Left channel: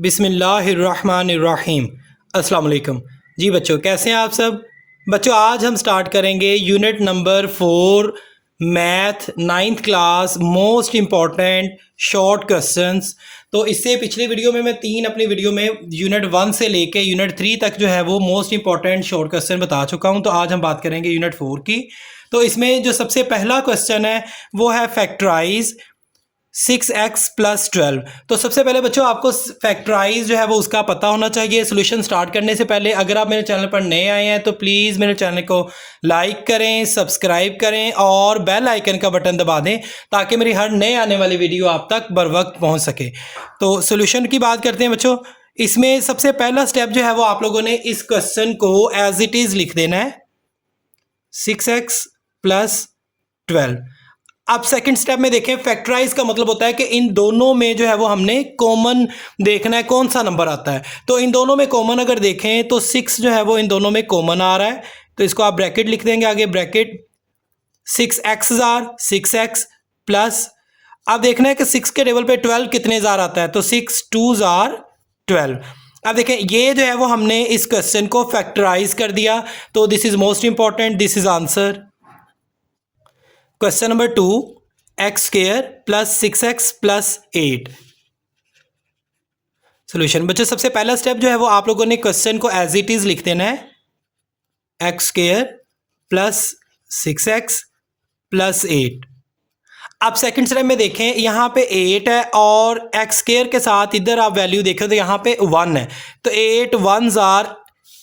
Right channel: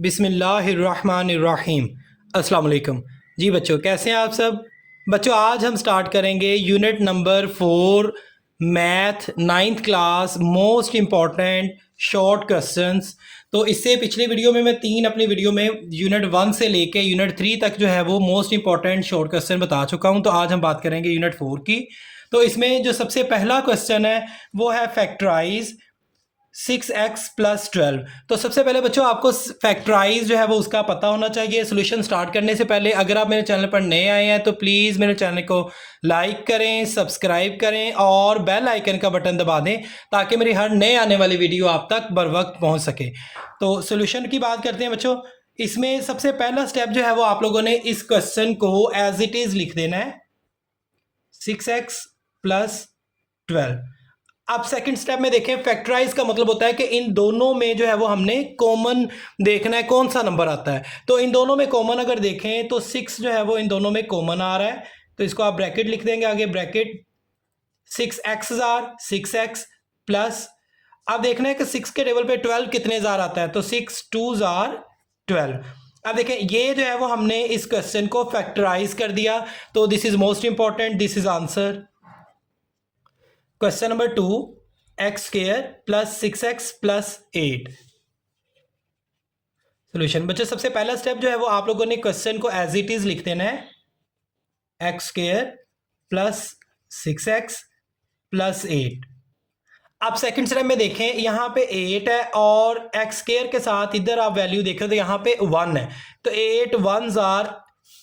बिस्मिल्लाहिर्रहमानिर्रहीम। अस्सलाम वालेकुम। जी बच्चों, कैसे हैं आप सब? बच्चों, आज हम स्टार्ट करेंगे unit number 4 math 9th class most important short questions. तो इससे पिछले वीडियो में मैं अपनी वीडियो में यूनिट 1 से लेके यूनिट 3 तक जो है वो मोस्ट इंपॉर्टेंट शॉर्ट क्वेश्चन बता चुका हूं। तो आज हम बात करेंगे यूनिट 4 की। तो इसमें जो सबसे पहला क्वेश्चन है वो है फैक्टराइज 6x प्लस 12। तो सबसे पहले बच्चों आपको फैक्टराइज जो है वो उसका पता होना चाहिए। सोल्यूशन स्टार्ट करने से पहले अगर आप मेरे चैनल पर नए आए हैं तो प्लीज़ मेरे चैनल को लाइक करें, सब्सक्राइब करें और बेल आइकन का बटन दबा दें ताकि मेरी हर नए आने वाली वीडियो आप तक बर वक्त पहुँच सके। तो सोल्यूशन की बात करते हैं बच्चों। इसमें सबसे पहला स्टेप जो है वो आप लोगों ने इस क्वेश्चन को एज इट इज़ लिख देना है, 6x प्लस 12। अब सेकंड स्टेप में देखें, फैक्टराइज का मतलब होता है कि इन दोनों में जो है वो हमने कॉमन देखना है कौन सा नंबर आता है। तो इन दोनों में कॉमन अगर देखें तो 6 जो है वो इन दोनों में कॉमन आ रहा है, तो इसको आप ब्रैकेट लिख देंगे आगे, bracket 6x jar 6x plus, अब देखना है कि 6 के टेबल पे 12 कितने जार आता है, तो 6 2 जार 12। अब देखें ये जो है वो हमने इस क्वेश्चन को फैक्टराइज कर दिया। तो this is most important, this is answer. Question number 2, x square plus 6x plus 8। Solution बच्चों, सबसे पहला स्टेप जो है वो आप लोगों ने क्वेश्चन को एज इट इज लिख देना है, x square plus 6x plus 8। अब सेकंड स्टेप में देखें, यहाँ पे 8 है और एक्स स्क्वायर के साथ इधर आप वैल्यू देखें तो यहाँ पे 1 है, तो 8 1 जार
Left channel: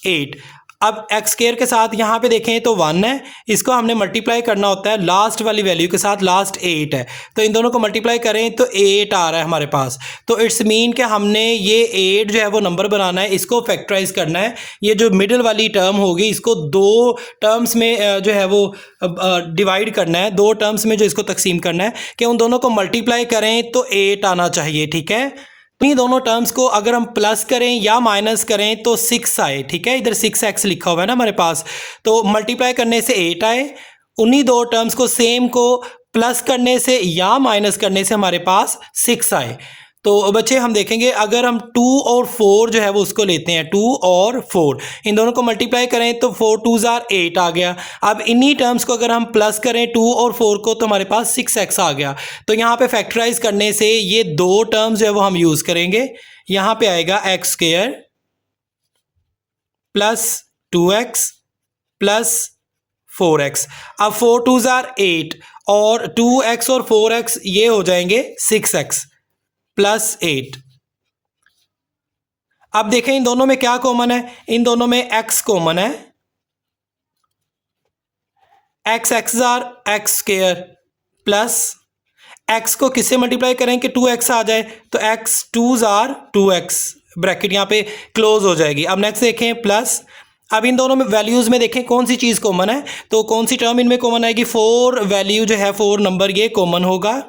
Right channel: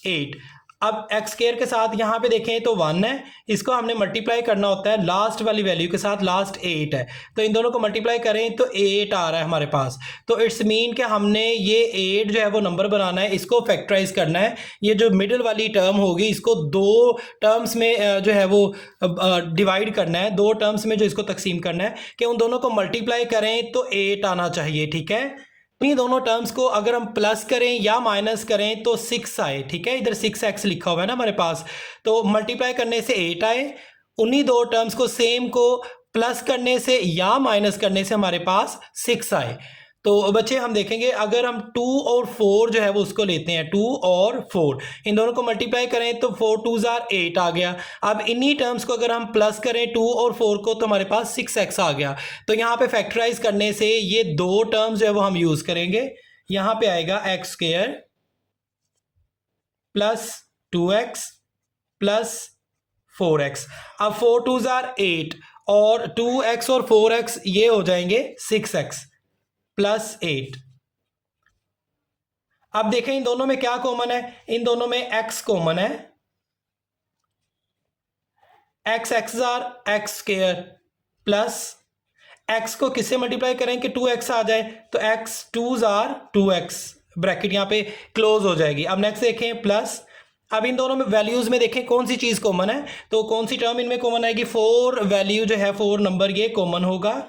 8। अब एक्स स्क्वायर के साथ यहाँ पे देखें तो 1 है, इसको हमने मल्टीप्लाई करना होता है लास्ट वाली वैल्यू के साथ, लास्ट 8 है, तो इन दोनों को मल्टीप्लाई करें तो 8 आ रहा है हमारे पास। तो इट्स मीन कि हमने ये 8 जो है वो नंबर बनाना है, इसको फैक्टराइज करना है। ये जो मिडिल वाली टर्म होगी इसको दो टर्म्स में जो है वो डिवाइड करना है, दो टर्म्स में जो इसको तकसीम करना है कि उन दोनों को मल्टीप्लाई करें तो 8 आना चाहिए, ठीक है। इन दोनों टर्म्स को अगर हम प्लस करें या माइनस करें तो 6 आए, ठीक है। इधर 6x लिखा हुआ है ना हमारे पास, तो मल्टीप्लाई करने से 8 आए। उन्हीं दो टर्म्स को सेम को प्लस करने से या माइनस करने से हमारे पास 6 आए। तो बच्चे हम देखेंगे अगर हम 2 और 4 जो है वो उसको लेते हैं, 2 और 4 इन दोनों को मल्टीप्लाई करें तो 4 2 जार 8 आ गया। अब इन्हीं टर्म्स को अगर हम प्लस करें 2 और 4 को तो हमारे पास 6x आ गया। तो यहाँ पे फैक्टराइज करने से ये दो टर्म्स जो है वो हम यूज़ करेंगे। यहाँ पे आएगा x square plus 2x plus 4x। अब 4 2 जार 8 और 2x और 4x ये हो जाएंगे 6x प्लस 8। अब देखें इन दोनों में क्या कॉमन है, इन दोनों में x कॉमन है, x x jar x square plus x को किससे मल्टीप्लाई करें कि 2x आ जाए, तो x 2 जार 2x, ब्रैकेट यहाँ पे क्लोज हो जाएगी। अब नेक्स्ट देखें प्लस, अब इन दोनों में वैल्यूज़ में देखें कौन सी चीज़ कॉमन है, तो कौन सी टर्म इनमें कॉमन आएगी, 4 वैल्यू जो है 4 नंबर ये कॉमन होगा,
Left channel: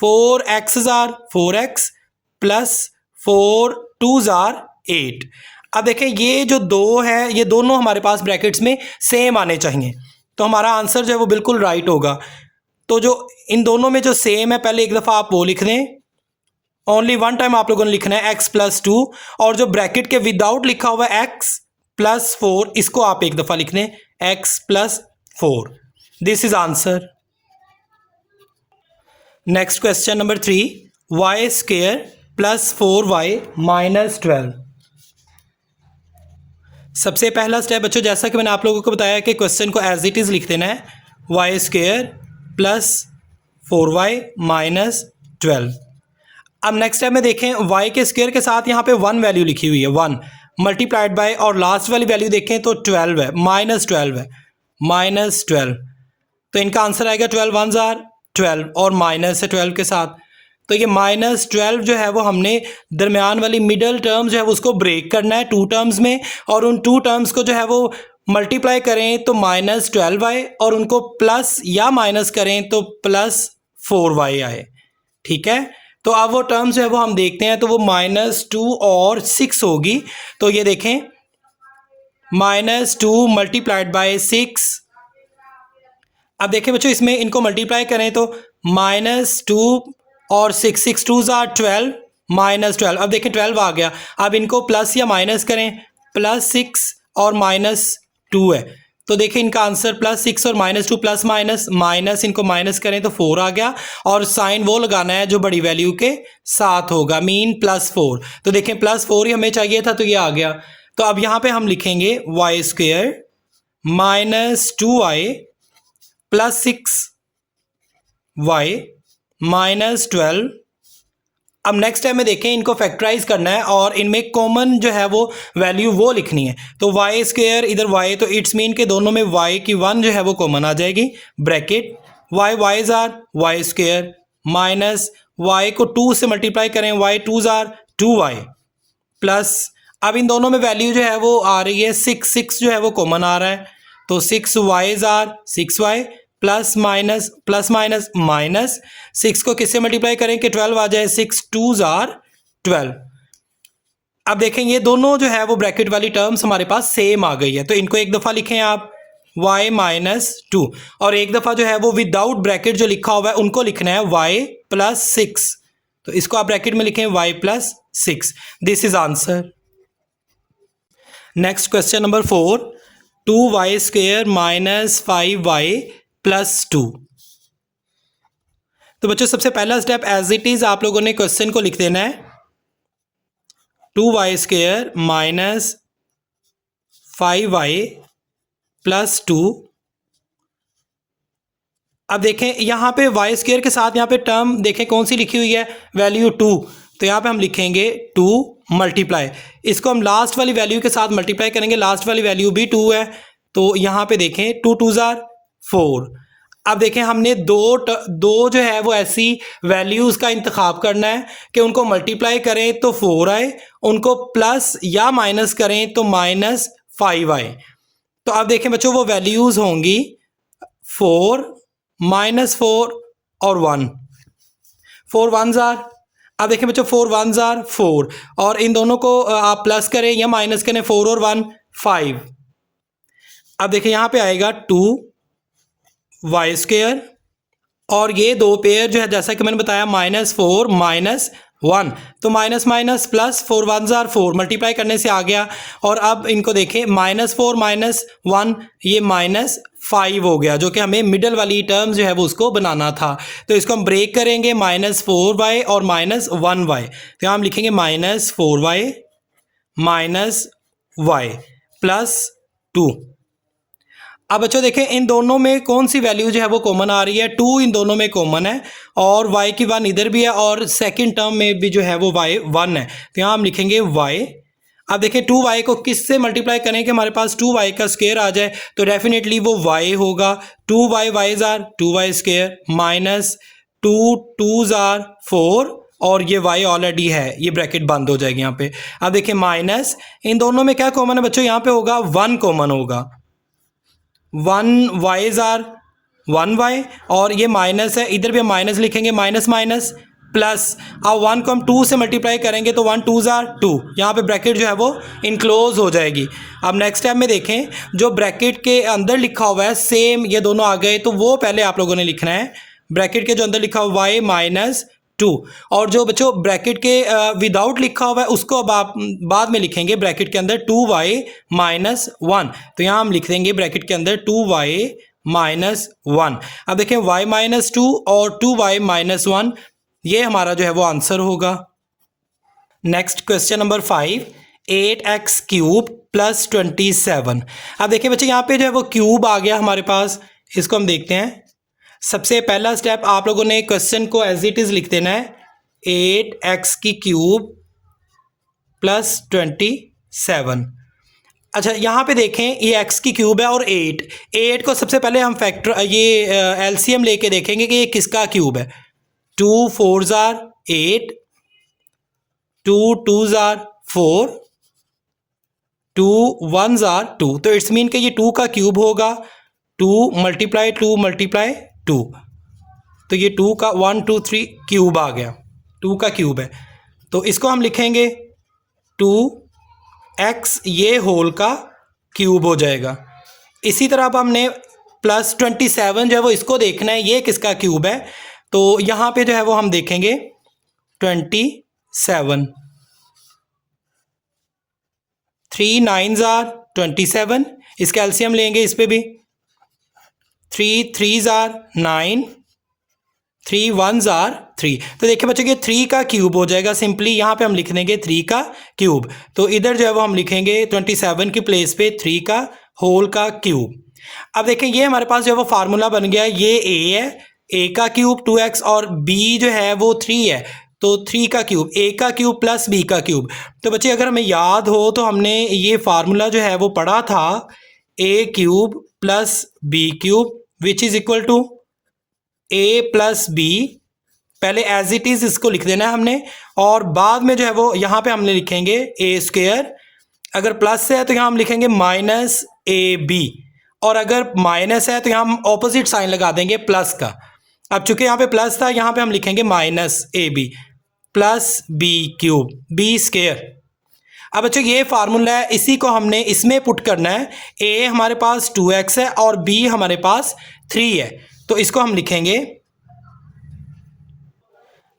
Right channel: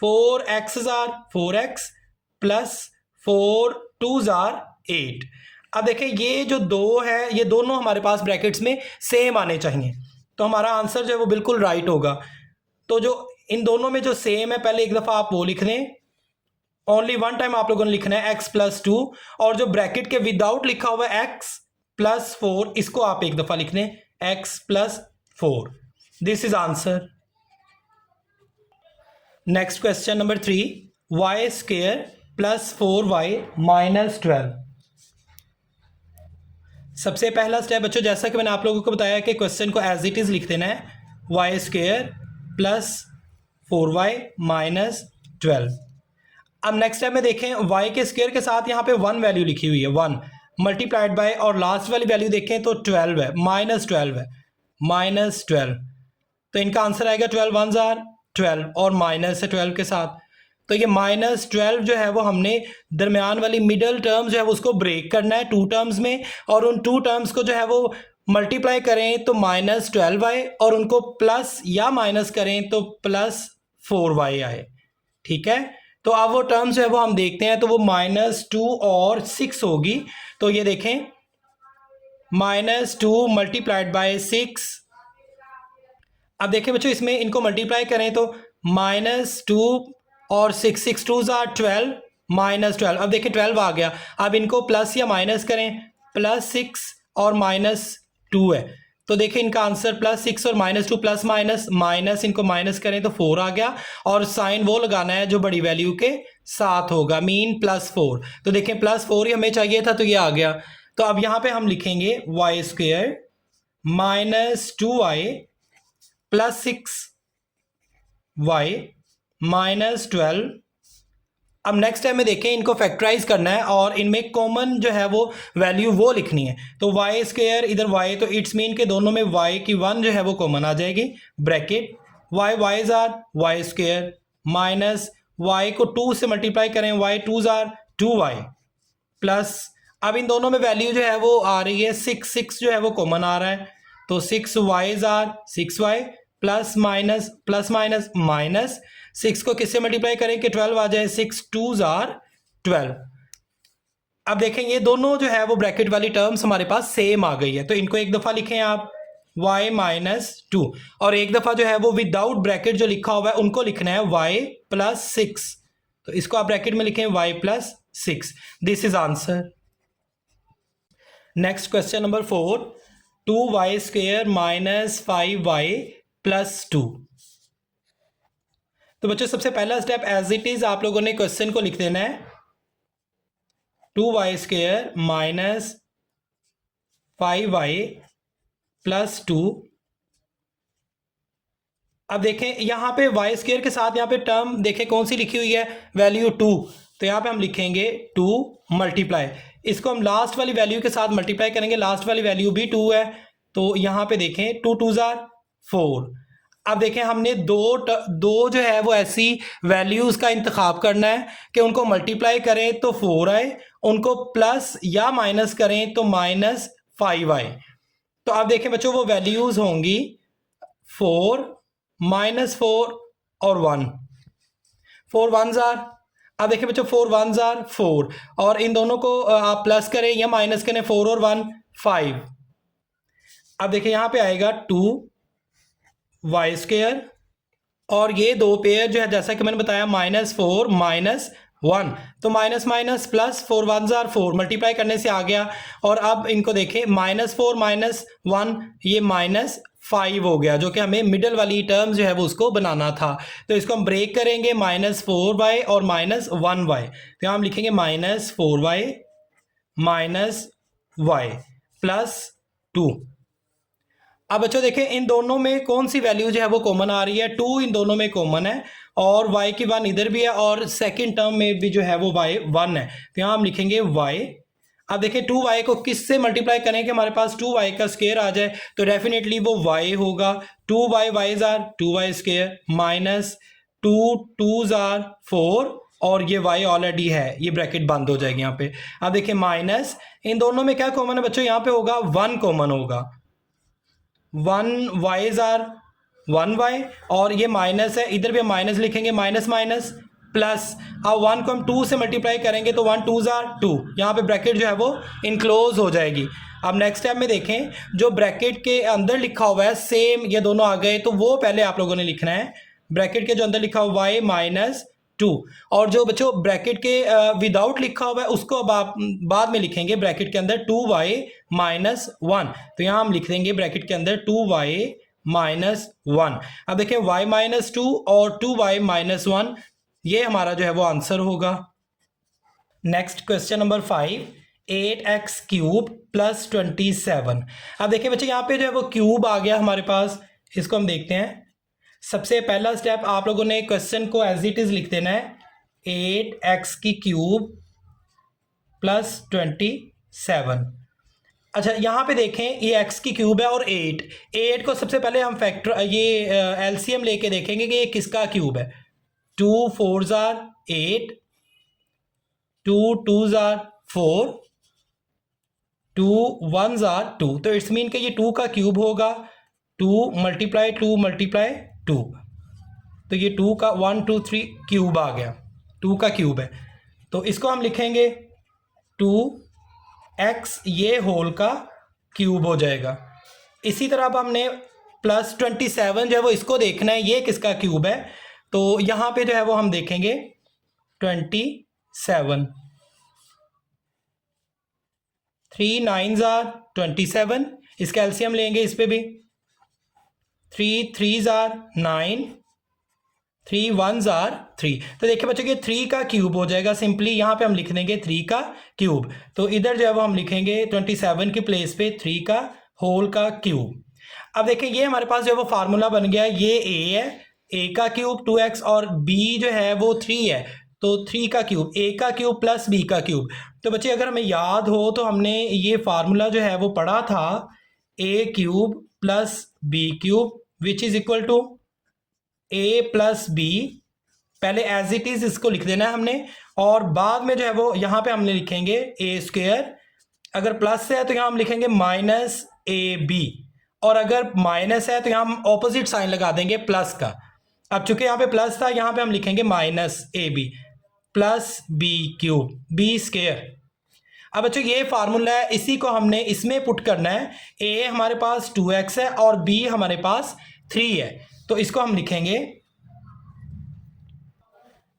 4x jar 4x plus 4 2 jar 8। अब देखें ये जो दो है ये दोनों हमारे पास ब्रैकेट्स में सेम आने चाहिए, तो हमारा आंसर जो है वो बिल्कुल राइट होगा। तो जो इन दोनों में जो सेम है पहले एक दफ़ा आप वो लिख दें, ओनली वन टाइम आप लोगों ने लिखना है x प्लस 2, और जो ब्रैकेट के विदाउट लिखा हुआ है x प्लस 4 इसको आप एक दफ़ा लिख दें, x plus 4। This is answer. Next question number 3, y square plus 4y minus 12। सबसे पहला स्टेप बच्चों, जैसा कि मैंने आप लोगों को बताया कि क्वेश्चन को एज इट इज़ लिख देना है, Y square plus 4y minus 12। अब नेक्स्ट स्टेप में देखें, y के स्क्वायर के साथ यहाँ पे 1 वैल्यू लिखी हुई है, 1 मल्टीप्लाइड बाय, और लास्ट वाली वैल्यू देखें तो 12 है, माइनस 12 है, माइनस 12। तो इनका आंसर आएगा 12 1 जार 12 और माइनस है 12 के साथ। तो ये माइनस 12 जो है वो हमने दरमियान वाली मिडल टर्म जो है वो उसको ब्रेक करना है 2 टर्म्स में, और उन 2 टर्म्स को जो है वो मल्टीप्लाई करें तो माइनस 12 आए, और उनको प्लस या माइनस करें तो प्लस 4y आए, ठीक है। तो अब वो टर्म्स जो है वो हम देखते हैं, तो वो -2 और 6 होगी। तो ये देखें -2 मल्टीप्लाइड बाय 6। अब देखें बच्चों इसमें इनको मल्टीप्लाई करें तो -2 और 6 6 2 जार 12 -12। अब देखें 12 आ गया, अब इनको प्लस या माइनस करें, +6 और -2 है, तो देखिए इनका आंसर +6 और -2 प्लस माइनस माइनस, इनको माइनस करें तो 4 आ गया, और साइन वो लगाना है जो बड़ी वैल्यू के साथ होगा, मीन +4। तो देखें +4 ही हमें चाहिए था, तो ये आ गया। तो अब यहाँ पे हम लिखेंगे y² -2y +6y -12। अब नेक्स्ट टाइम में देखें, इनको फैक्टराइज करना है और इनमें कॉमन जो है वो वैल्यू वो लिखनी है। तो y², इधर y, तो इट्स मीन के दोनों में y की 1 जो है वो कॉमन आ जाएगी, bracket y jar y² minus y को 2 से मल्टीप्लाई करें, y 2 जार 2y प्लस, अब इन दोनों में वैल्यू जो है वो आ रही है 6 जो है वो कॉमन आ रहा है, तो 6y jar 6y plus minus minus 6 को किससे मल्टीप्लाई करें कि 12 आ जाए, 6 2 जार 12। अब देखें ये दोनों जो है वो ब्रैकेट वाली टर्म्स हमारे पास सेम आ गई है, तो इनको एक दफ़ा लिखें आप y -2, और एक दफ़ा जो है वो विदाउट ब्रैकेट जो लिखा हुआ है उनको लिखना है y +6, तो इसको आप ब्रैकेट में लिखें y +6। This is answer. Next question number 4, 2y² -5y +2। तो बच्चों सबसे पहला स्टेप एज इट इज आप लोगों ने क्वेश्चन को लिख देना है, 2y² -5y +2। अब देखें यहाँ पे y² के साथ यहाँ पे टर्म देखें कौन सी लिखी हुई है, वैल्यू 2, तो यहाँ पे हम लिखेंगे 2 मल्टीप्लाई, इसको हम लास्ट वाली वैल्यू के साथ मल्टीप्लाई करेंगे, लास्ट वाली वैल्यू भी 2 है, तो यहाँ पे देखें 2 2 जार 4। अब देखें हमने दो जो है वो ऐसी वैल्यूज़ का इंतखाब करना है कि उनको मल्टीप्लाई करें तो 4 आए, उनको प्लस या माइनस करें तो -5 आए। तो अब देखें बच्चों वो वैल्यूज़ होंगी 4 -4 और 1, 4 1 जार, अब देखें बच्चों 4 1 जार 4, और इन दोनों को आप प्लस करें या माइनस करें, 4 और 1 5। अब देखें यहाँ पे आएगा 2y², और ये दो पेयर जो है जैसा कि मैंने बताया -4 -1, तो minus minus plus, 4 1 jar 4 multiply करने से आ गया, और अब इनको देखें -4 -1 ये -5 हो गया, जो कि हमें मिडल वाली टर्म जो है वो उसको बनाना था, तो इसको हम ब्रेक करेंगे, -4y और -1y, तो हम लिखेंगे -4y -y +2। अब बच्चों देखें इन दोनों में कौन सी वैल्यू जो है वो कॉमन आ रही है, 2 इन दोनों में कॉमन है, और y की 1 इधर भी है, और सेकंड टर्म में भी जो है वो y 1 है, तो यहाँ हम लिखेंगे y। अब देखें 2y को किस से मल्टीप्लाई करें कि हमारे पास 2y का स्क्वायर आ जाए, तो डेफिनेटली वो y होगा, 2y jar 2y² minus 2 2 jar 4, और ये y ऑलरेडी है, ये ब्रैकेट बंद हो जाएगी यहाँ पे। अब देखिए माइनस, इन दोनों में क्या कॉमन है बच्चों, यहाँ पे होगा 1 कॉमन होगा, 1y जार 1y, और ये माइनस है, इधर भी हम माइनस लिखेंगे, माइनस माइनस प्लस, अब 1 को हम 2 से मल्टीप्लाई करेंगे तो 1 2 जार 2, यहाँ पे ब्रैकेट जो है वो इनक्लोज हो जाएगी। अब नेक्स्ट टाइम में देखें जो ब्रैकेट के अंदर लिखा हुआ है सेम ये दोनों आ गए, तो वो पहले आप लोगों ने लिखना है, ब्रैकेट के जो अंदर लिखा हुआ y -2, और जो बच्चों ब्रैकेट के विदाउट लिखा हुआ है उसको अब आप बाद में लिखेंगे ब्रैकेट के अंदर 2y -1, तो यहाँ हम लिख देंगे ब्रैकेट के अंदर 2y -1। अब देखें y -2 और 2y -1, ये हमारा जो है वो आंसर होगा। Next question number 5, 8x³ + 27। अब देखिए बच्चे यहाँ पे जो है वो क्यूब आ गया हमारे पास, इसको हम देखते हैं। सबसे पहला स्टेप आप लोगों ने क्वेश्चन को एज इट इज लिख देना है, 8x³ + 27। अच्छा यहाँ पे देखें ये x³ है और 8 को सबसे पहले हम फैक्टर ये एलसीएम लेके देखेंगे कि ये किसका क्यूब है। 2 4 जार 8, 2 2 जार 4, 2 1 जार 2, तो इट्स मीन कि ये 2 का क्यूब होगा, 2 × 2 × 2, तो ये 2 का 1 2 3 क्यूब आ गया, 2 का क्यूब है, तो इसको हम लिखेंगे 2x ये होल का क्यूब हो जाएगा। इसी तरह अब हमने +27 जो है वो इसको देखना है ये किसका क्यूब है, तो यहाँ पे जो है वो हम देखेंगे 27, 7, 3 9s are 27, इसका एलसीएम लेंगे इस पे भी, 3 3s are 9, 3 1s are 3। तो देखिए बच्चों कि 3 का क्यूब हो जाएगा सिंपली, यहाँ पे हम लिख देंगे 3 का क्यूब। तो इधर जो है वो हम लिखेंगे 27 की प्लेस पे 3 का होल का क्यूब। अब देखें ये हमारे पास जो है वो फार्मूला बन गया, ये a है, a का क्यूब 2x और b जो है वो 3 है, तो 3 का क्यूब, a का क्यूब प्लस b का क्यूब। तो बच्चे अगर हमें याद हो तो हमने ये फार्मूला जो है वो पढ़ा था, a cube plus b cube which is equal to a plus b। पहले एज इट इज इसको लिख देना है हमने, और बाद में जो है वो यहाँ पे हमने लिखेंगे a स्क्वायर, अगर प्लस है तो यहाँ हम लिखेंगे माइनस ए बी, और अगर माइनस है तो यहाँ हम ऑपोजिट साइन लगा देंगे प्लस का। अब चूंकि यहाँ पे प्लस था, यहाँ पे हम लिखेंगे minus a b plus b cube b square. अब बच्चों ये फार्मूला है, इसी को हमने इसमें पुट करना है। ए हमारे पास 2x है और बी हमारे पास 3 है, तो इसको हम लिखेंगे।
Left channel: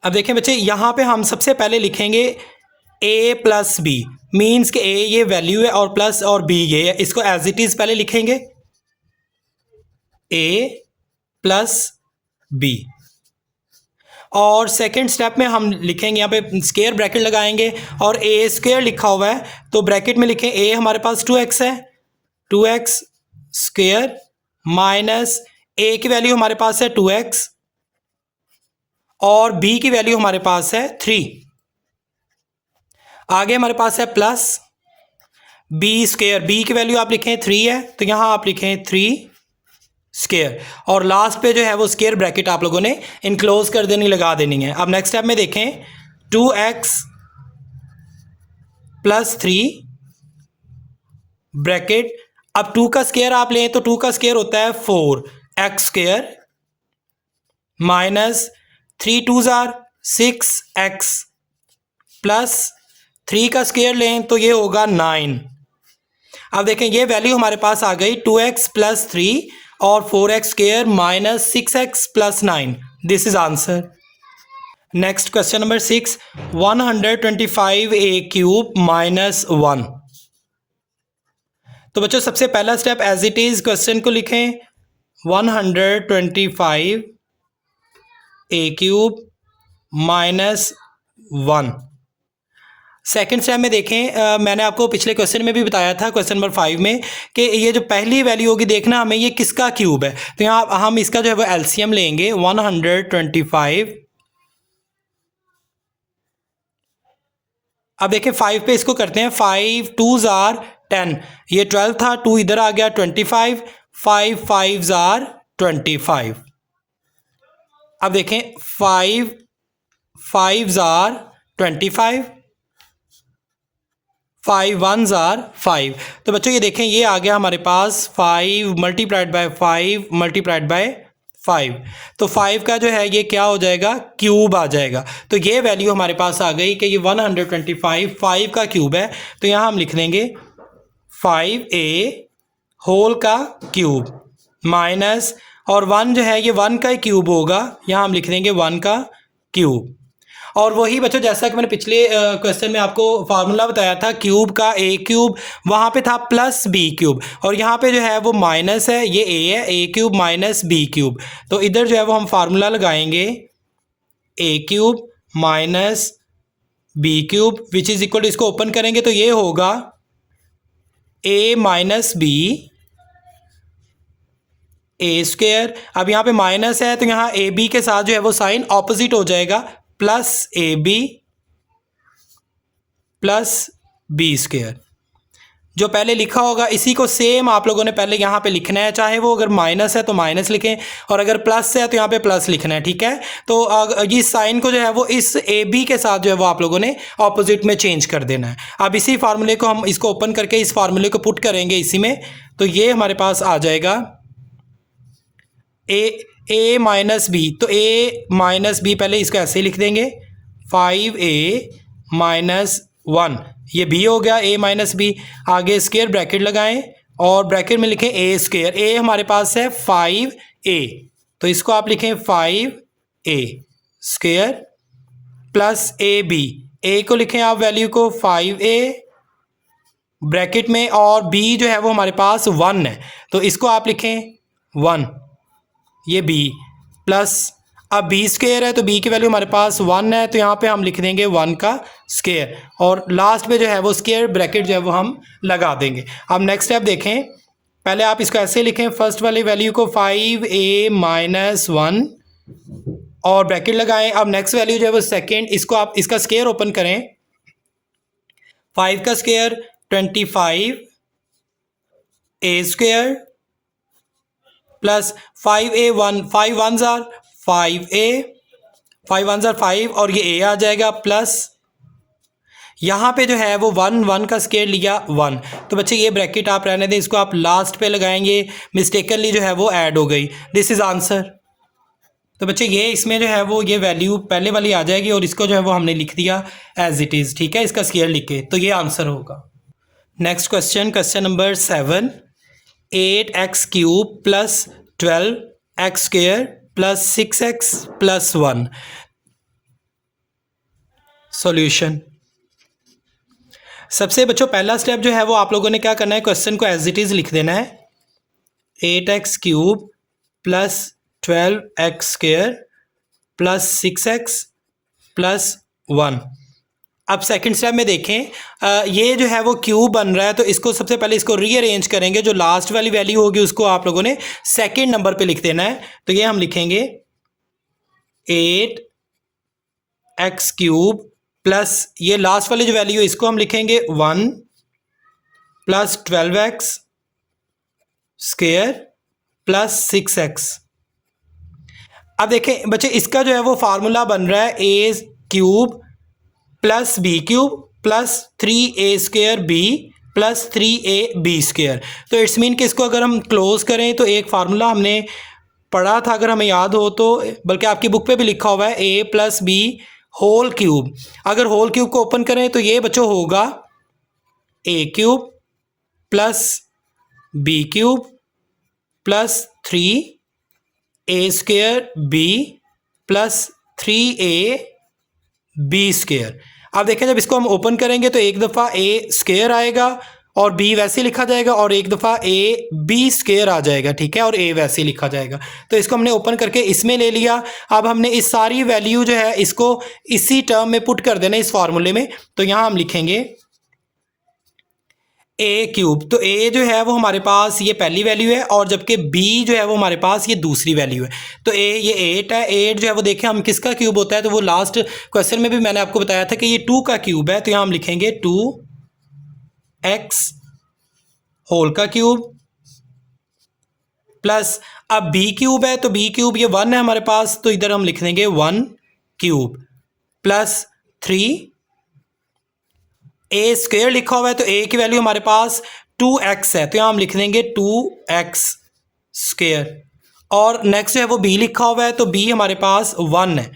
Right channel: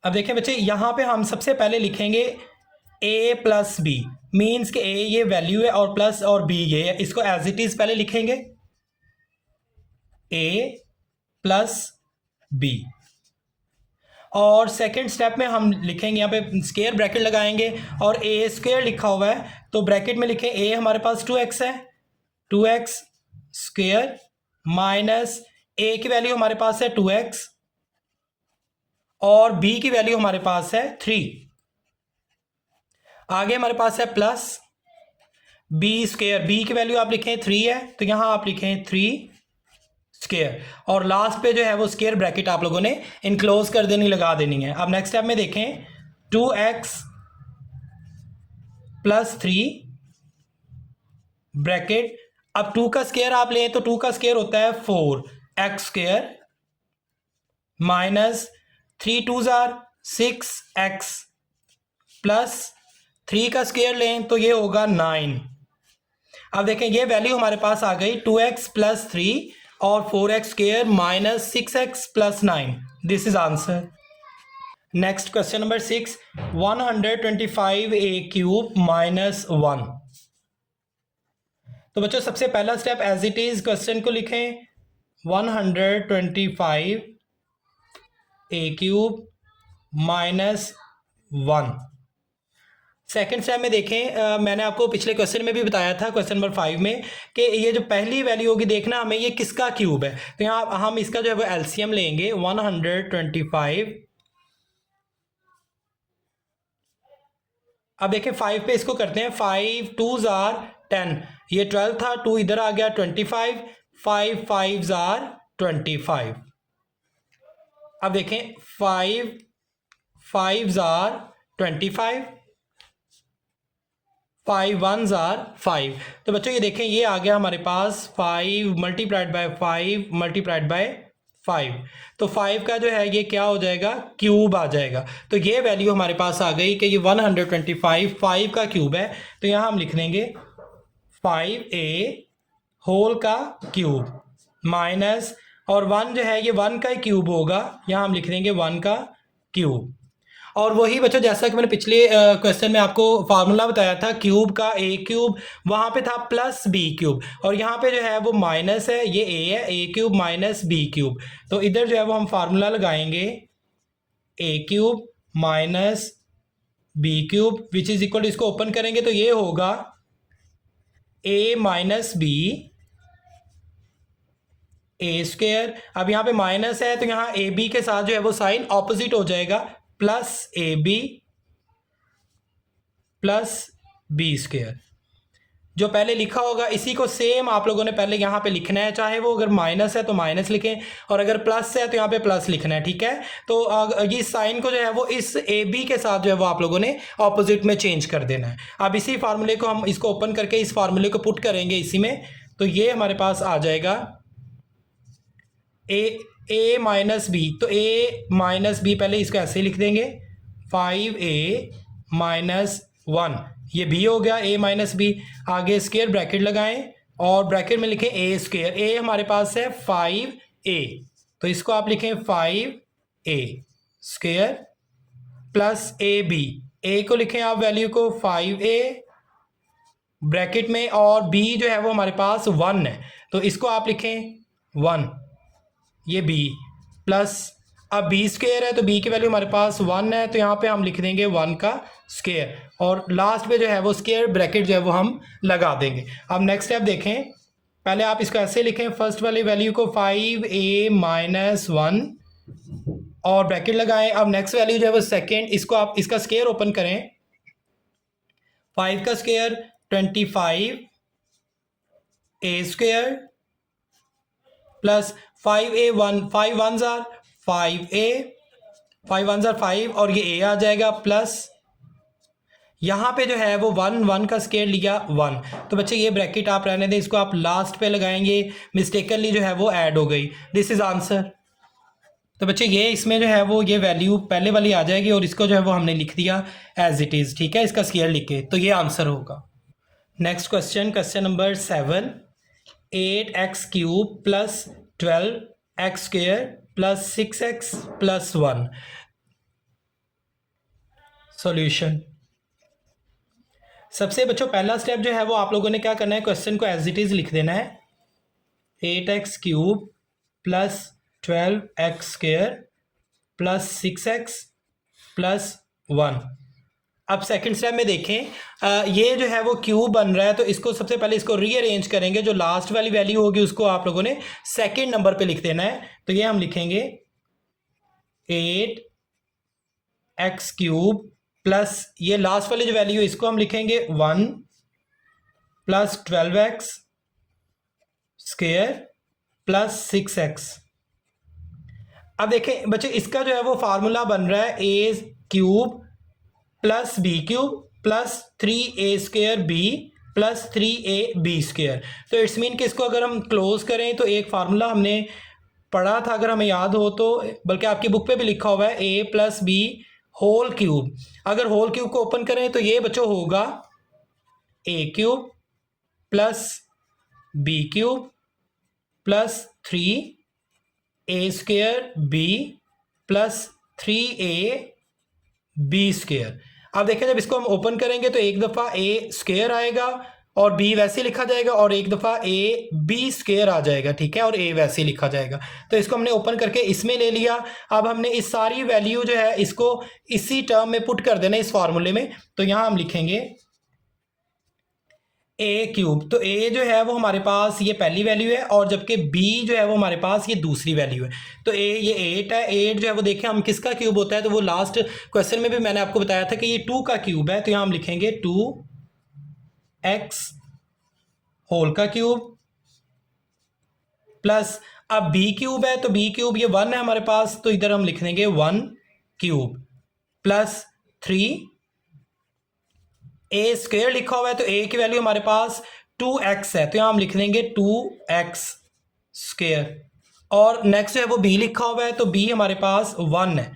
अब देखें बच्चे यहाँ पे हम सबसे पहले लिखेंगे a प्लस बी, मीन्स कि a ये वैल्यू है और प्लस और b ये है, इसको एज इट इज पहले लिखेंगे a प्लस b। और सेकंड स्टेप में हम लिखेंगे, यहाँ पे स्क्वायर ब्रैकेट लगाएंगे और a स्क्वायर लिखा हुआ है तो ब्रैकेट में लिखें a हमारे पास 2x है, 2x स्क्वायर माइनस a की वैल्यू हमारे पास है 2x और b की वैल्यू हमारे पास है 3। आगे हमारे पास है प्लस बी स्क्वायर, बी की वैल्यू आप लिखें 3 है तो यहां आप लिखें 3 स्क्वायर, और लास्ट पे जो है वो स्क्वायर ब्रैकेट आप लोगों ने इनक्लोज कर देनी, लगा देनी है। अब नेक्स्ट स्टेप में देखें 2x प्लस 3 ब्रैकेट, अब 2 का स्क्वायर आप लें तो 2 का स्क्वायर होता है 4x square minus 3 2s are 6x plus 3 का स्क्वायर लें तो ये होगा 9। अब देखें ये वैल्यू हमारे पास आ गई 2x प्लस 3 और 4x square minus 6x plus 9। This is answer. Next question number 6, 125a cube minus 1। तो बच्चों सबसे पहला step as it is question को लिखें 125 a cube minus 1। Second step में देखें, मैंने आपको पिछले क्वेश्चन में भी बताया था, क्वेश्चन नंबर 5 में, कि ये जो पहली वैल्यू होगी देखना हमें ये किसका क्यूब है। तो यहाँ हम इसका जो है वो एलसीएम लेंगे 125। अब देखें 5 पे इसको करते हैं, 5 2s are 10, ये 12 था, 2 इधर आ गया 25, 5 5s are 25। अब देखें 5 5s are 25, 5 1s are 5। तो बच्चों ये देखें ये आ गया हमारे पास 5 मल्टीप्लाइड बाय 5 मल्टीप्लाइड बाय 5, तो 5 का जो है ये क्या हो जाएगा, क्यूब आ जाएगा। तो ये वैल्यू हमारे पास आ गई कि ये 125 5 का क्यूब है, तो यहाँ हम लिख देंगे 5a होल का क्यूब माइनस, और 1 जो है ये 1 का ही क्यूब होगा, यहाँ हम लिख देंगे 1 का क्यूब। और वही बच्चों जैसा कि मैंने पिछले क्वेश्चन में आपको फार्मूला बताया था क्यूब का, a क्यूब वहाँ पे था प्लस b क्यूब, और यहाँ पे जो है वो माइनस है, ये a है, a cube minus b cube. तो इधर जो है वो हम फार्मूला लगाएंगे a cube minus b cube which is equal to, इसको ओपन करेंगे तो ये होगा a minus b a square. अब यहाँ पे माइनस है तो यहाँ ए बी के साथ जो है वो साइन ऑपोजिट हो जाएगा, plus a b plus b square. जो पहले लिखा होगा इसी को सेम आप लोगों ने पहले यहाँ पे लिखना है, चाहे वो अगर माइनस है तो माइनस लिखें और अगर प्लस है तो यहाँ पे प्लस लिखना है, ठीक है। तो इस साइन को जो है वो इस ए बी के साथ जो है वो आप लोगों ने ऑपोजिट में चेंज कर देना है। अब इसी फार्मूले को हम इसको ओपन करके इस फार्मूले को पुट करेंगे इसी में, तो ये हमारे पास आ जाएगा ए माइनस बी, तो ए माइनस बी पहले इसको ऐसे ही लिख देंगे 5a माइनस 1, ये b हो गया a माइनस बी। आगे स्क्वायर ब्रैकेट लगाएं और ब्रैकेट में लिखें a स्क्वायर, a हमारे पास है 5a, तो इसको आप लिखें 5a स्क्वायर प्लस ab, ए को लिखें आप वैल्यू को 5a ब्रैकेट में, और b जो है वो हमारे पास 1 है, तो इसको आप लिखें 1, ये b प्लस, अब b स्क्वायर है तो b की वैल्यू हमारे पास 1 है, तो यहाँ पे हम लिख देंगे 1 का स्क्वायर, और लास्ट में जो है वो स्क्वायर ब्रैकेट जो है वो हम लगा देंगे। अब नेक्स्ट स्टेप देखें, पहले आप इसको ऐसे लिखें, फर्स्ट वाली वैल्यू को 5a माइनस 1 और ब्रैकेट लगाएं। अब नेक्स्ट वैल्यू जो है वो सेकेंड, इसको आप इसका स्क्वायर ओपन करें, 5 का square 25 a square plus 5a 5 1 jar 5a 5 1 jar 5 और ये a आ जाएगा, प्लस यहाँ पे जो है वो 1 1 का स्क्वायर लिया 1, तो बच्चे ये ब्रैकेट आप रहने दें, इसको आप लास्ट पे लगाएंगे, मिस्टेकनली जो है वो ऐड हो गई, दिस इज़ आंसर। तो बच्चे ये इसमें जो है वो ये वैल्यू पहले वाली आ जाएगी और इसको जो है वो हमने लिख दिया एज इट इज़, ठीक है, इसका स्क्वायर लिख के, तो ये आंसर होगा। Next question, question number 7, 8x cube plus 12x square plus 6x plus 1, solution. सबसे बच्चों पहला स्टेप जो है वो आप लोगों ने क्या करना है, क्वेश्चन को एज इट इज़ लिख देना है, 8x cube plus 12x square plus 6x plus 1। अब सेकंड स्टेप में देखें, ये जो है वो क्यूब बन रहा है, तो इसको सबसे पहले इसको रीअरेंज करेंगे, जो लास्ट वाली वैल्यू होगी उसको आप लोगों ने सेकंड नंबर पे लिख देना है, तो ये हम लिखेंगे 8x क्यूब प्लस ये लास्ट वाली जो वैल्यू है इसको हम लिखेंगे 1 plus 12x square plus 6x। अब देखें बच्चे इसका जो है वो फार्मूला बन रहा है a cube plus b cube plus 3a square b plus 3ab square, तो इट्स मीन कि इसको अगर हम क्लोज करें तो एक फार्मूला हमने पढ़ा था, अगर हमें याद हो तो, बल्कि आपकी बुक पे भी लिखा हुआ है, a plus b whole cube. अगर होल क्यूब को ओपन करें तो ये बच्चों होगा a cube plus b cube plus 3a square b plus 3a b square. अब देखें जब इसको हम ओपन करेंगे तो एक दफ़ा a स्क्वायर आएगा और b वैसे लिखा जाएगा, और एक दफ़ा a b स्क्वायर आ जाएगा, ठीक है, और a वैसे लिखा जाएगा, तो इसको हमने ओपन करके इसमें ले लिया। अब हमने इस सारी वैल्यू जो है इसको इसी टर्म में पुट कर देना, इस फार्मूले में, तो यहाँ हम लिखेंगे a क्यूब, तो a जो है वो हमारे पास ये पहली वैल्यू है, और जबकि b जो है वो हमारे पास ये दूसरी वैल्यू है, तो a ये 8 है, 8 जो है वो देखें हम किसका क्यूब होता है, तो वो लास्ट क्वेश्चन में भी मैंने आपको बताया था कि ये 2 का क्यूब है, तो यहाँ हम लिखेंगे 2x होल का क्यूब प्लस, अब b क्यूब है तो b क्यूब ये 1 है हमारे पास, तो इधर हम लिख देंगे 1 क्यूब प्लस 3 a स्क्वायर लिखा हुआ है, तो a की वैल्यू हमारे पास 2x है, तो यहाँ हम लिख देंगे 2x स्क्वायर, और नेक्स्ट है वो b लिखा हुआ है, तो b हमारे पास 1 है,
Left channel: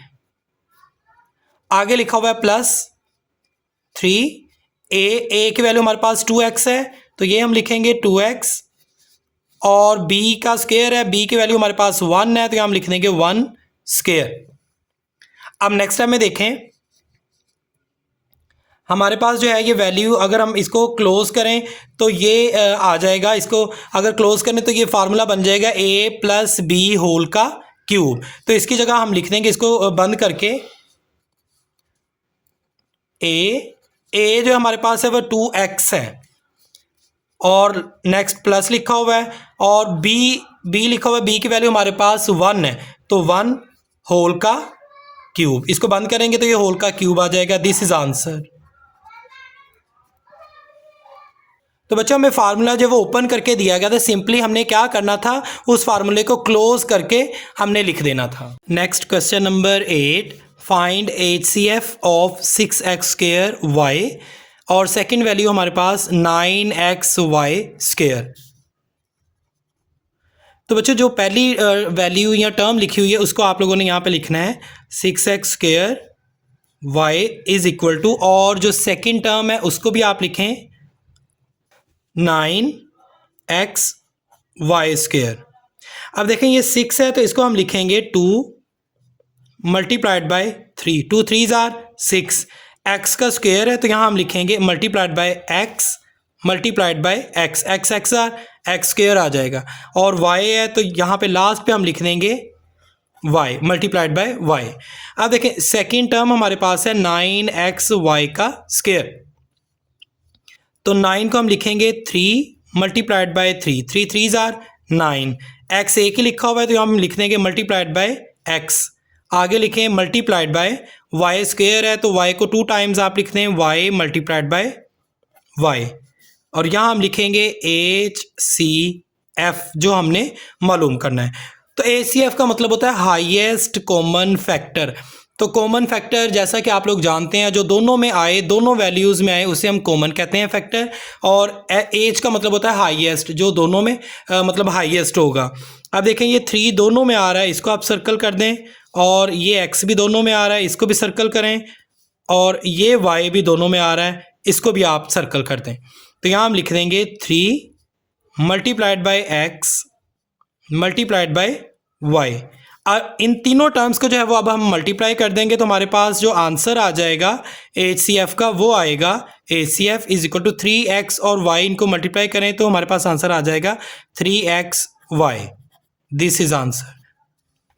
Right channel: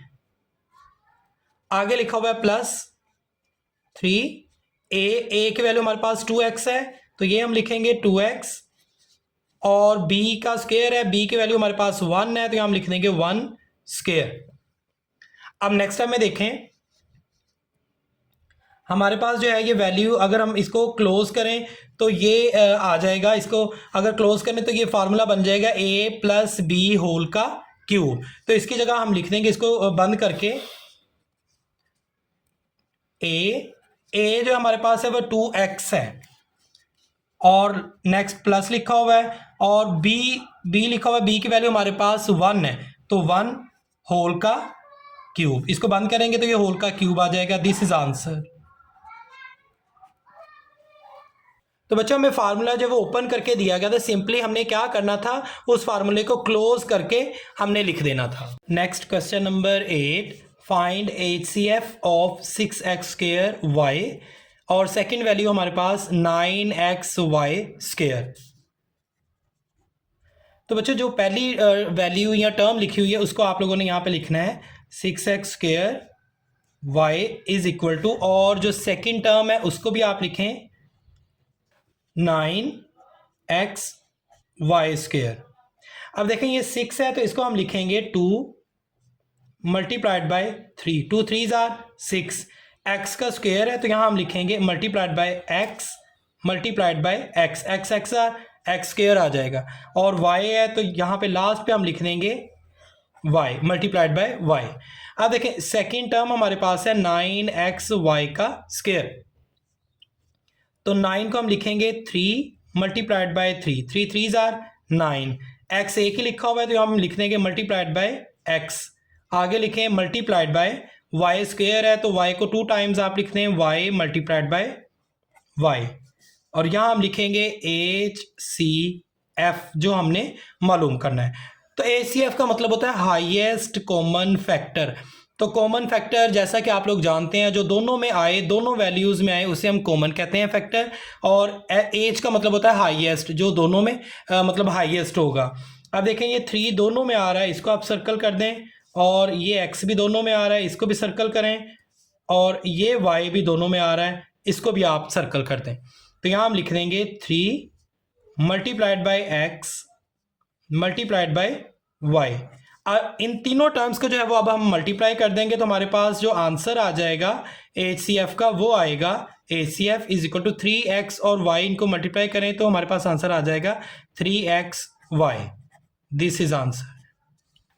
आगे लिखा हुआ है प्लस 3a की वैल्यू हमारे पास 2x है, तो ये हम लिखेंगे 2x, और b का स्क्वायर है, b की वैल्यू हमारे पास 1 है, तो यहाँ हम लिख देंगे 1 स्क्वायर। अब नेक्स्ट टाइम में देखें हमारे पास जो है ये वैल्यू, अगर हम इसको क्लोज करें तो ये आ जाएगा, इसको अगर क्लोज करें तो ये फार्मूला बन जाएगा a प्लस बी होल का क्यूब, तो इसकी जगह हम लिख देंगे इसको बंद करके a जो हमारे पास है वो 2x है, और नेक्स्ट प्लस लिखा हुआ है, और b लिखा हुआ है, b की वैल्यू हमारे पास 1 है, तो 1 होल का क्यूब, इसको बंद करेंगे तो ये होल का क्यूब आ जाएगा, दिस इज आंसर। तो बच्चों हमें फार्मूला जो वो ओपन करके दिया गया था, सिंपली हमने क्या करना था, उस फार्मूले को क्लोज करके हमने लिख देना था। Next question number 8, find HCF of 6x square y, और सेकंड वैल्यू हमारे पास 9xy स्क्वायर। तो बच्चों जो पहली वैल्यू या टर्म लिखी हुई है उसको आप लोगों ने यहाँ पे लिखना है 6x square y is equal to, और जो सेकंड टर्म है उसको भी आप लिखें 9xy स्क्वायर। अब देखें ये 6 है तो इसको हम लिखेंगे 2 multiplied by 3, 2 3s are 6, X का स्क्वायर है तो यहाँ हम लिखेंगे multiplied by X multiplied by X, X X are X square आ जाएगा, और वाई है तो यहाँ पे लास्ट पे हम लिख देंगे वाई मल्टीप्लाइड बाय वाई। अब देखें सेकेंड टर्म हमारे पास है 9xy का स्क्वायर, तो 9 को हम लिखेंगे 3 मल्टीप्लाइड बाय 3, 3 3 आर 9, एक्स एक ही लिखा हुआ है तो हम लिख देंगे मल्टीप्लाइड बाय एक्स, आगे लिखें मल्टीप्लाइड बाय वाई स्क्वायर है तो वाई को 2 टाइम्स आप लिख दें वाई मल्टीप्लाइड बाय वाई, और यहाँ हम लिखेंगे HCF जो हमने मालूम करना है। तो HCF का मतलब होता है हाईएस्ट कॉमन फैक्टर। तो कॉमन फैक्टर जैसा कि आप लोग जानते हैं जो दोनों में आए, दोनों वैल्यूज़ में आए उसे हम कॉमन कहते हैं फैक्टर, और एज का मतलब होता है हाईएस्ट, जो दोनों में मतलब हाईएस्ट होगा। अब देखें ये 3 दोनों में आ रहा है, इसको आप सर्कल कर दें, और ये x भी दोनों में आ रहा है, इसको भी सर्कल करें, और ये y भी दोनों में आ रहा है, इसको भी आप सर्कल कर दें। तो यहाँ हम लिख देंगे 3 multiplied by X multiplied by Y. इन तीनों टर्म्स को जो है वो अब हम मल्टीप्लाई कर देंगे तो हमारे पास जो आंसर आ जाएगा HCF का वो आएगा HCF is equal to 3x, और y इनको मल्टीप्लाई करें तो हमारे पास आंसर आ जाएगा 3xy। This is answer.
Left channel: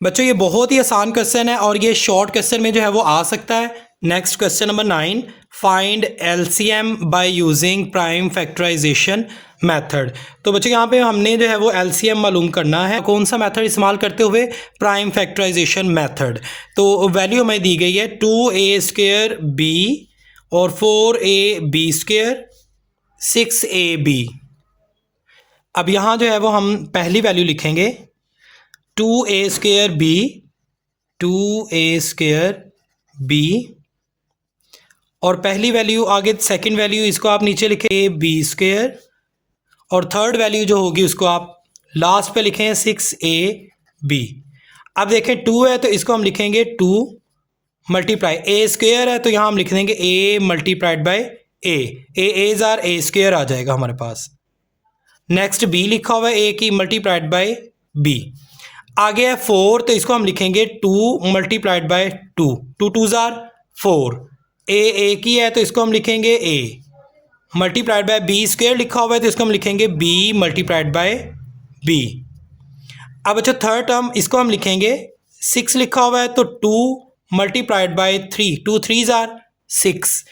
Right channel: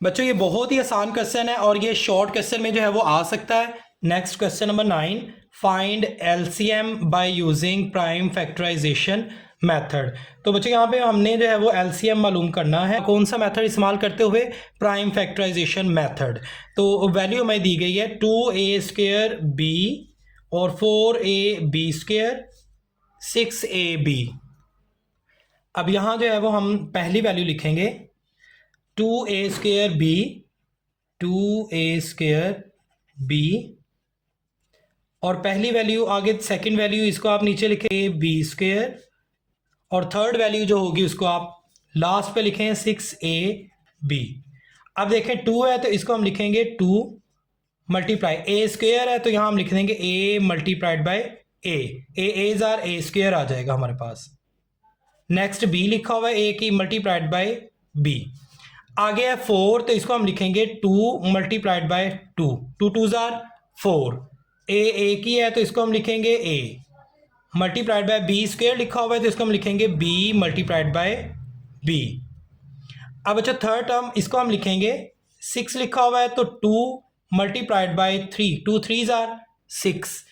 बच्चों ये बहुत ही आसान क्वेश्चन है और ये शॉर्ट क्वेश्चन में जो है वो आ सकता है। Next question number 9, find LCM by using prime factorization method. तो बच्चों यहाँ पे हमने जो है वो LCM मालूम करना है, कौन सा मेथड इस्तेमाल करते हुए, प्राइम फैक्टराइजेशन मेथड। तो वैल्यू हमें दी गई है 2a² b और 4ab² 6ab। अब यहाँ जो है वो हम पहली वैल्यू लिखेंगे 2a² b, और पहली वैल्यू आगे सेकंड वैल्यू इसको आप नीचे लिखें ab², और थर्ड वैल्यू जो होगी उसको आप लास्ट पे लिखें 6ab। अब देखें 2 है तो इसको हम लिखेंगे 2 मल्टीप्लाई, a² है तो यहाँ हम लिख देंगे a multiplied by a, a's are a² आ जाएगा हमारे पास। नेक्स्ट b लिखा हुआ है a की मल्टीप्लाइड बाय b। आगे है 4 तो इसको हम लिखेंगे 2 मल्टीप्लाइड बाय 2, 2 2 आर 4, a की है तो इसको हम लिखेंगे a मल्टीप्लाइड बाय b² लिखा हुआ है तो इसको हम लिखेंगे b मल्टीप्लाइड बाय b। अब अच्छा थर्ड टर्म इसको हम लिखेंगे 6 लिखा हुआ है तो 2 मल्टीप्लाइड बाय 3, 2 3 आर 6,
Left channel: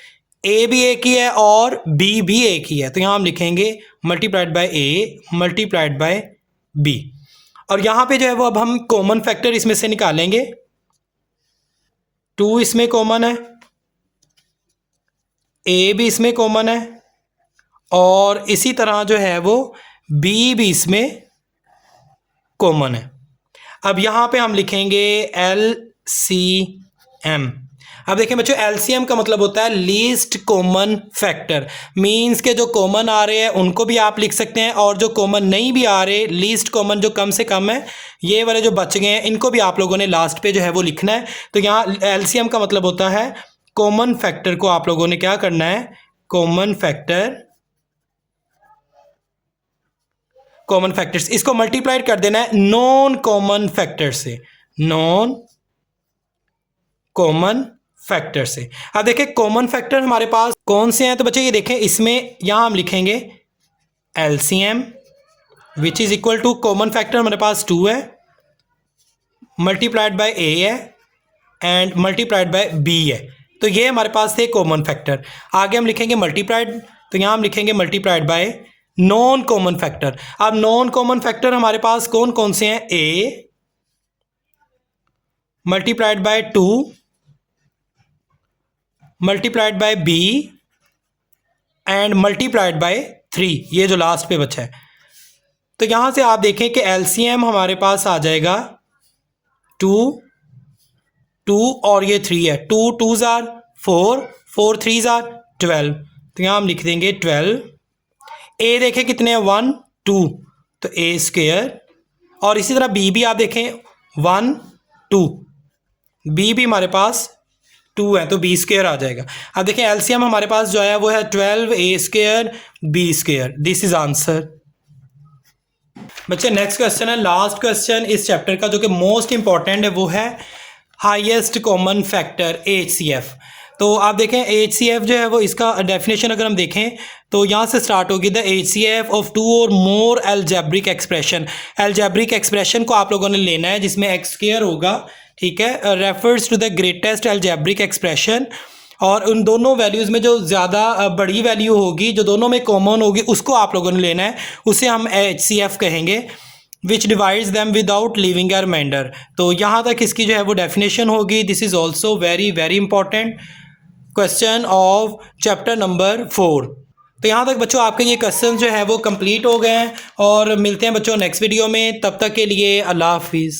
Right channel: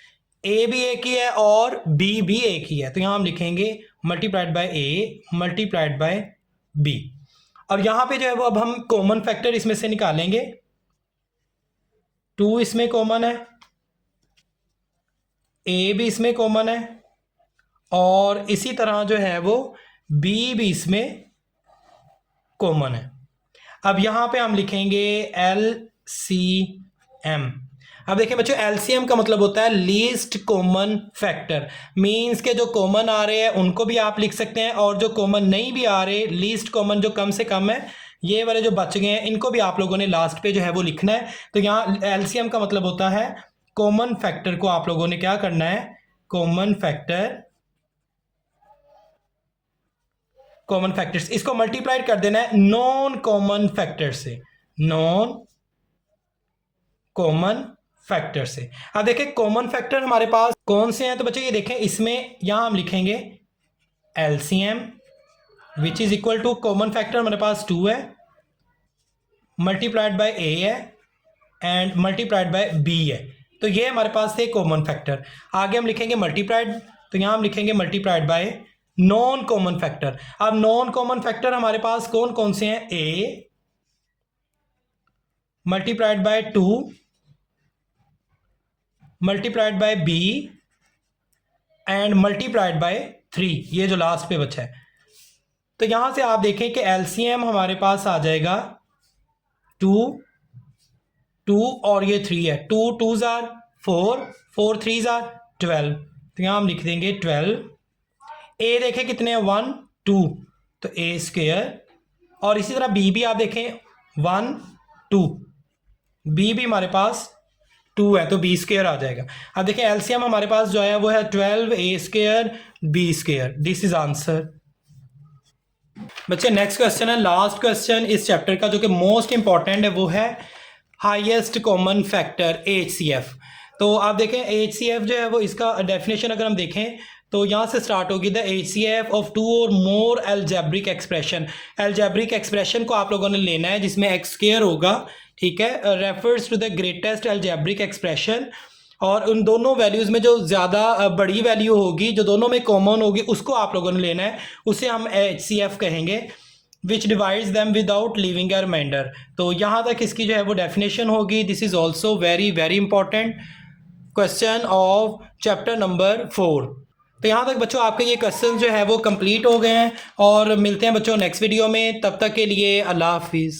a भी एक ही है और b भी एक ही है तो यहाँ हम लिखेंगे multiplied by a multiplied by b। और यहाँ पे जो है वो अब हम कॉमन फैक्टर इसमें से निकालेंगे, 2 इसमें कॉमन है, a भी इसमें कॉमन है, और इसी तरह जो है वो b भी इसमें कॉमन है। अब यहाँ पे हम लिखेंगे LCM। अब देखिए बच्चों LCM का मतलब होता है लीस्ट कॉमन फैक्टर, मींस के जो कॉमन आ रहे हैं उनको भी आप लिख सकते हैं, और जो कॉमन नहीं भी आ रहे, लीस्ट कॉमन जो कम से कम है, ये वाले जो बच गए हैं इनको भी आप लोगों ने लास्ट पे जो है वो लिखना है। तो यहाँ LCM का मतलब होता है कॉमन फैक्टर को आप लोगों ने क्या करना है, कॉमन फैक्टर्स इसको मल्टीप्लाइड कर देना है नॉन कॉमन फैक्टर से, नॉन कॉमन फैक्टर से। अब देखिए कॉमन फैक्टर हमारे पास कौन से हैं, तो बच्चे ये देखें इसमें यहाँ हम लिखेंगे LCM which is equal to common factor हमारे पास 2 है मल्टीप्लाइड बाय a है एंड मल्टीप्लाइड बाय b है, तो ये हमारे पास थे कॉमन फैक्टर। आगे हम लिखेंगे मल्टीप्लाइड, तो यहाँ हम लिखेंगे multiplied bye non common factor. अब नॉन कॉमन फैक्टर हमारे पास कौन कौन से हैं, a multiplied bye 2 multiplied by b and multiplied by 3, ये जो लास्ट पे बचा है। तो यहां से आप देखें कि LCM हमारे पास आ जाएगा 2 2 और ये 3 है, 2 2 आर 4, 4 3 आर 12, तो यहां हम लिख देंगे 12। a देखें कितने हैं 1 2 तो a², और इसी तरह b भी आप देखें 1 2, b भी हमारे पास 2 है तो b² आ जाएगा। अब देखिए LCM हमारे पास जो है वो है 12 a² b²। This is answer. बच्चे नेक्स्ट क्वेश्चन है, लास्ट क्वेश्चन इस चैप्टर का जो कि मोस्ट इंपॉर्टेंट है, वो है हाईएस्ट कॉमन फैक्टर HCF। तो आप देखें HCF जो है वो इसका डेफिनेशन अगर हम देखें तो यहाँ से स्टार्ट होगी द HCF ऑफ टू और मोर एल्जेब्रिक एक्सप्रेशन। एल्जेब्रिक एक्सप्रेशन को आप लोगों ने लेना है जिसमें एक्स स्क्वायर होगा, ठीक है, refers to the greatest algebraic expression, और उन दोनों वैल्यूज़ में जो ज़्यादा बड़ी वैल्यू होगी, जो दोनों में कॉमन होगी, उसको आप लोगों ने लेना है, उसे हम HCF कहेंगे, which divides them without leaving a remainder. तो यहाँ तक इसकी जो है वो डेफिनेशन होगी। This is also very very important question of chapter number 4। तो यहाँ तक बच्चों आपके ये क्वेश्चन जो है वो कंप्लीट हो गए हैं, और मिलते हैं बच्चों नेक्स्ट वीडियो में। तब तक के लिए अल्लाह हाफिज़।